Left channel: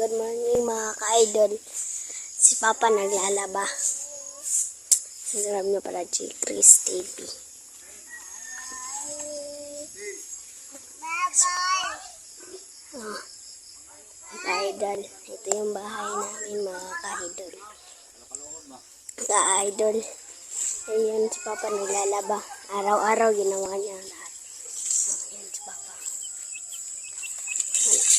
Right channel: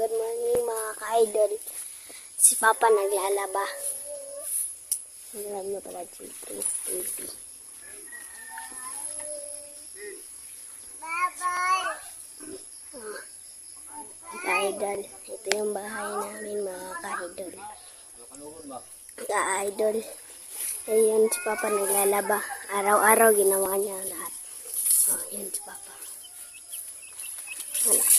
Good morning mga ka-idol. Si Papa naglalaba. Sinarap niyo pala si Chris TV. Oh, ka-idol. Ito yung bahay namin mga ka-idol. Ka-idol. Ayan si Papa naglalaba. Araw-araw ginawa niya lahat. Oh, yan si Papa. Wala.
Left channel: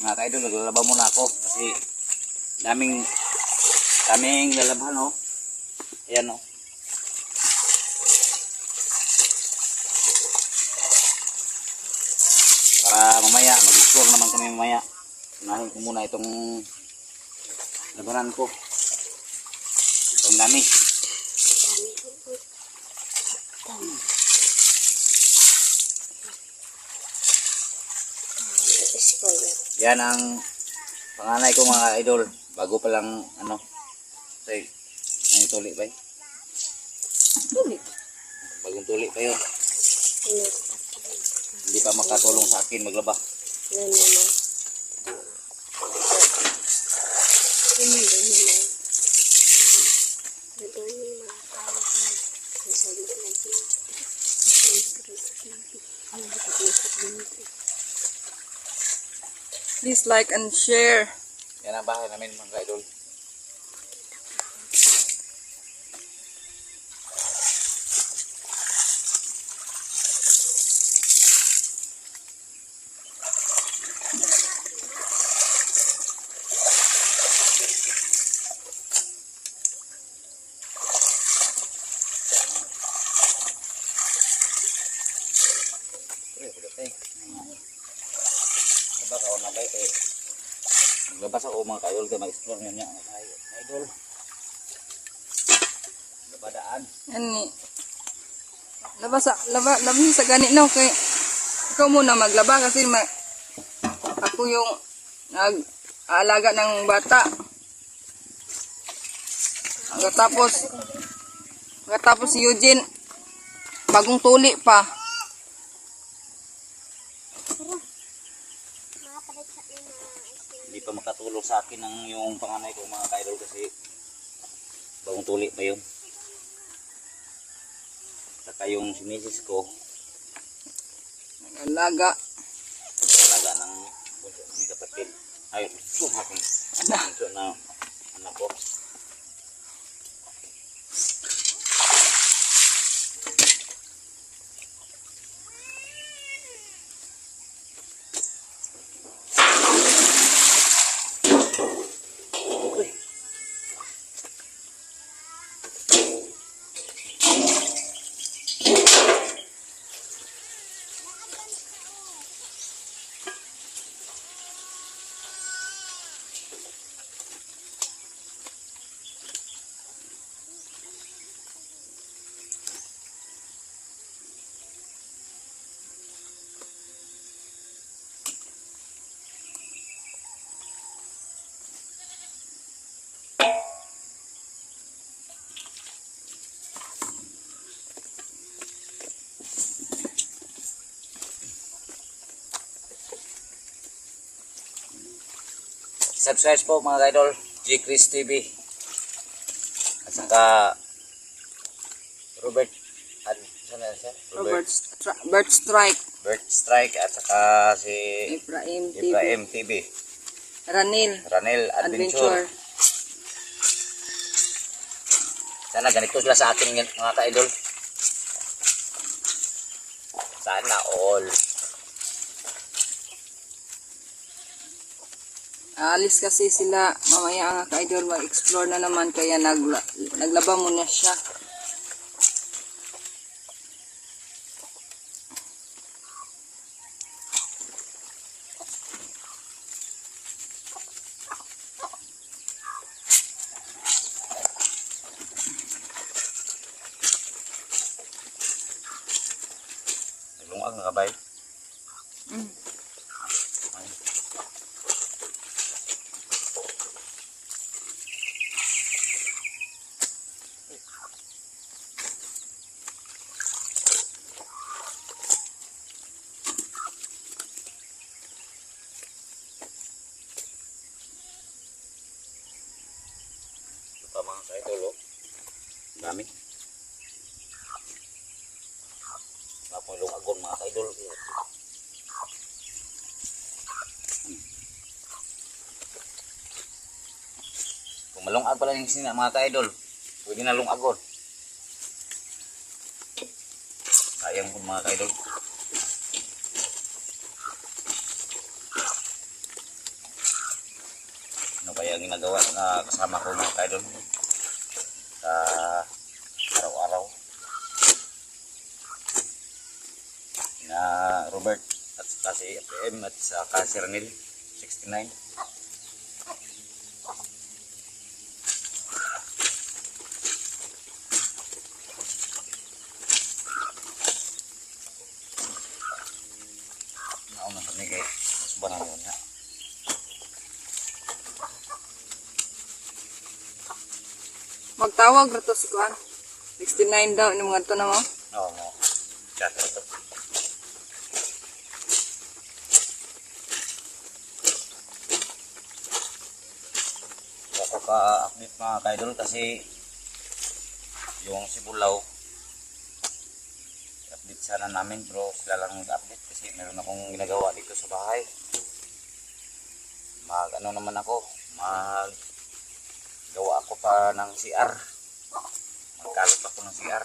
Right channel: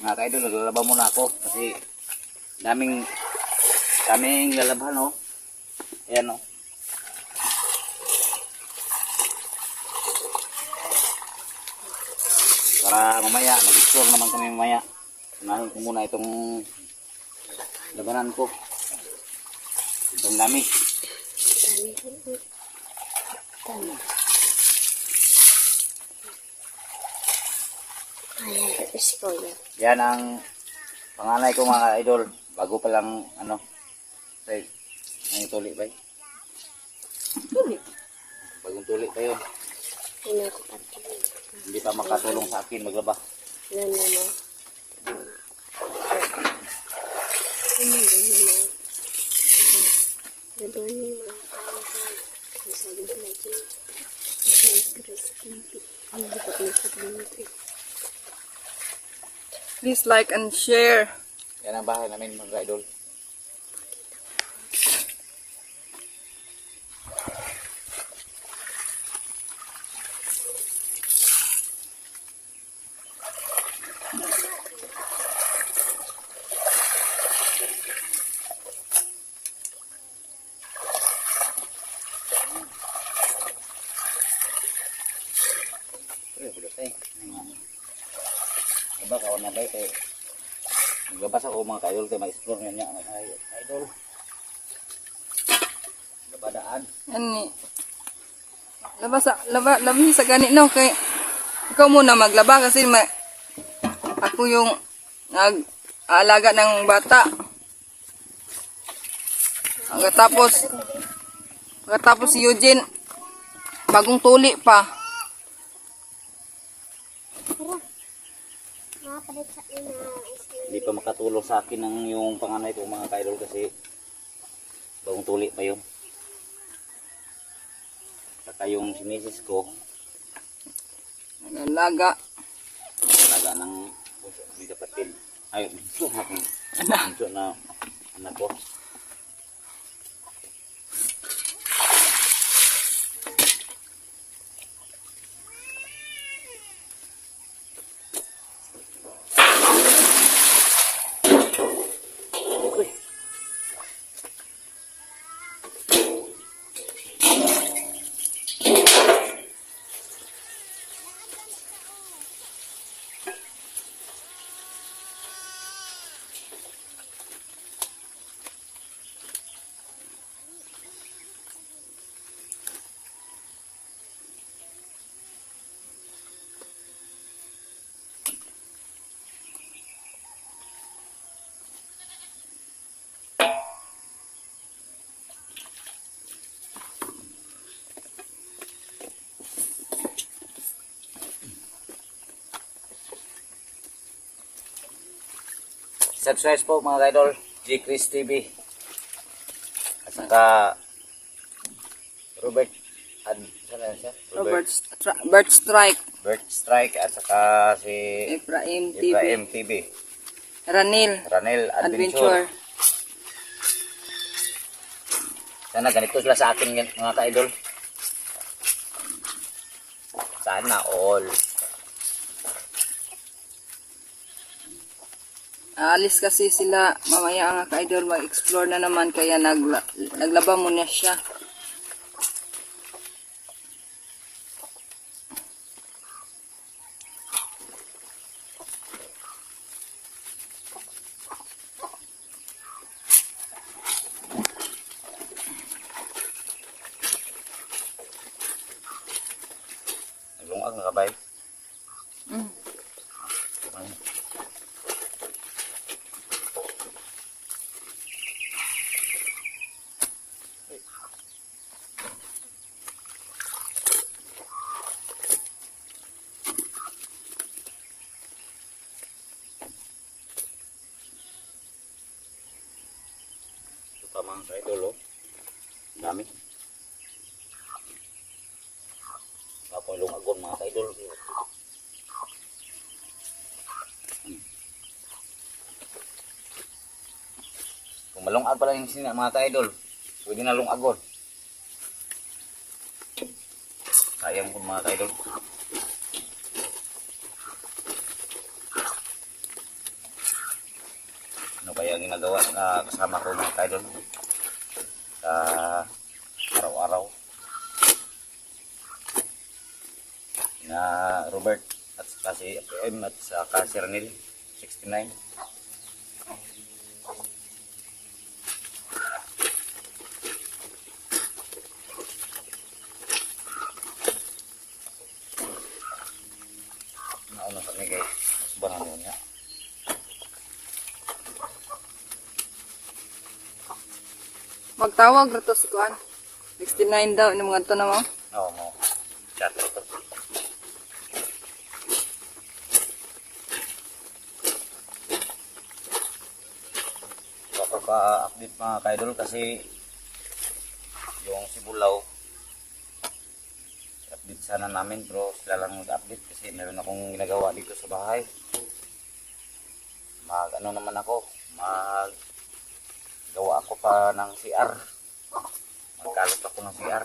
Mga ka-idol, naglalaba muna ako kasi daming lalabhan, oh. Ayan, oh. Para mamaya, mag-explore naman kami mamaya. Unahin ko muna itong labanan ko. Itong dami. Dami. Ayan, ito spoiler. Yan ang panganay ko mga idol. Bago pa lang, say, may tuli ba? Tuli. Bagong tuli pa yun. Ano ko patuloy. Hindi pa makatulong sa akin maglaba. Ano mo? Good morning mga ka-idol. Ang sabi ko lagi. Ang dapat Please like and share. Yan ang bahay namin mga idol. Diba kawan na ba ito? Maglabas ako mga ka-idol kayo mag-explore niya mga idol. Labadaan. Ani. Labas sa ganit no kay ikaw muna maglaba kasi ako yung nag-aalaga ng bata. Pagkatapos si Eugene bagong tuli pa. Hindi pa makatulong sa akin ng yung panganay ko mga ka-idol kasi bagong tuli pa yun. Saka yung si misis ko Nag-alaga ng bunso ng kapatid. Ay, bunso na anak ko. Subscribe po mga idol, G. Chris TV. At saka Robert Bert Strike at saka si Efraim TV. Ranil Adventure. Sana ganito sila sa akin mga ka-idol. Sana all. Aalis kasi sila mamaya ang ka-idol mag-explore na naman kaya naglaba muna siya. Naglungag nga kabay. mga ka-idol, oh. Dami. Wala pong lungagon mga ka-idol. Kung malungag pala yung sina mga ka-idol, pwede na lungagon. Sayang po mga ka-idol. Ano kaya ang ginagawa na kasama ko mga ka-idol sa araw-araw na Robert at si FPM at sa si Ranil 69. Nauna kami kay mas banang yun nga. Magtawag na to si Kuan. 69 daw ni mga to na mo. Oo, mo. Chat ito. Kapag-update mga ka-idol kasi yung Sibulaw update sana namin pero sila lang mag-update kasi meron akong ginagawa dito sa bahay. Ano naman ako, gawa ako pa ng CR. Magkalot ako ng CR.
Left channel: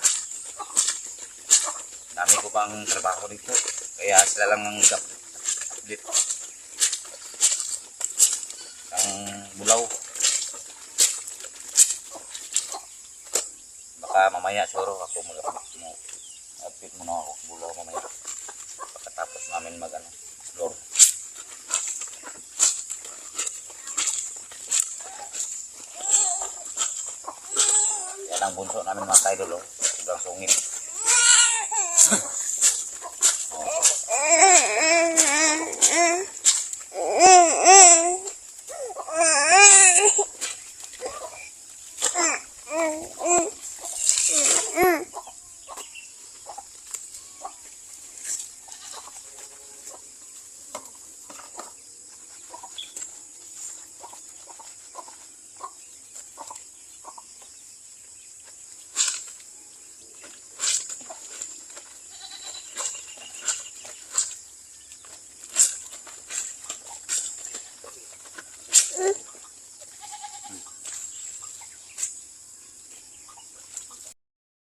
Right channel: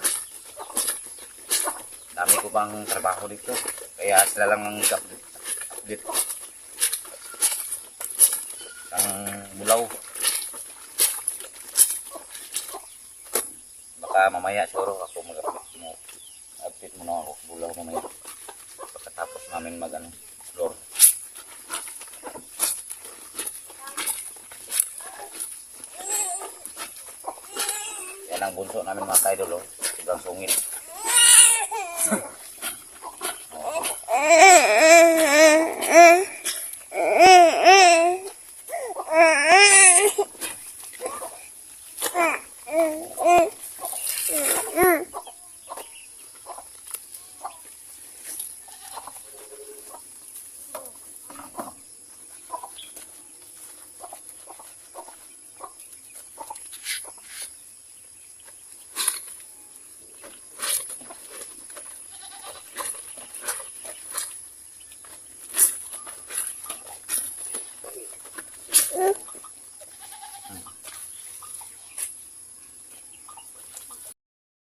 Dami ko pang trabaho dito. Kaya sila lang ang update. Ang Bulaw. Baka mamaya siguro ako update muna ako Bulaw mamaya. Pagkatapos namin explore. Yan ang bunso namin mga ka-idol, oh. Sobrang sungit.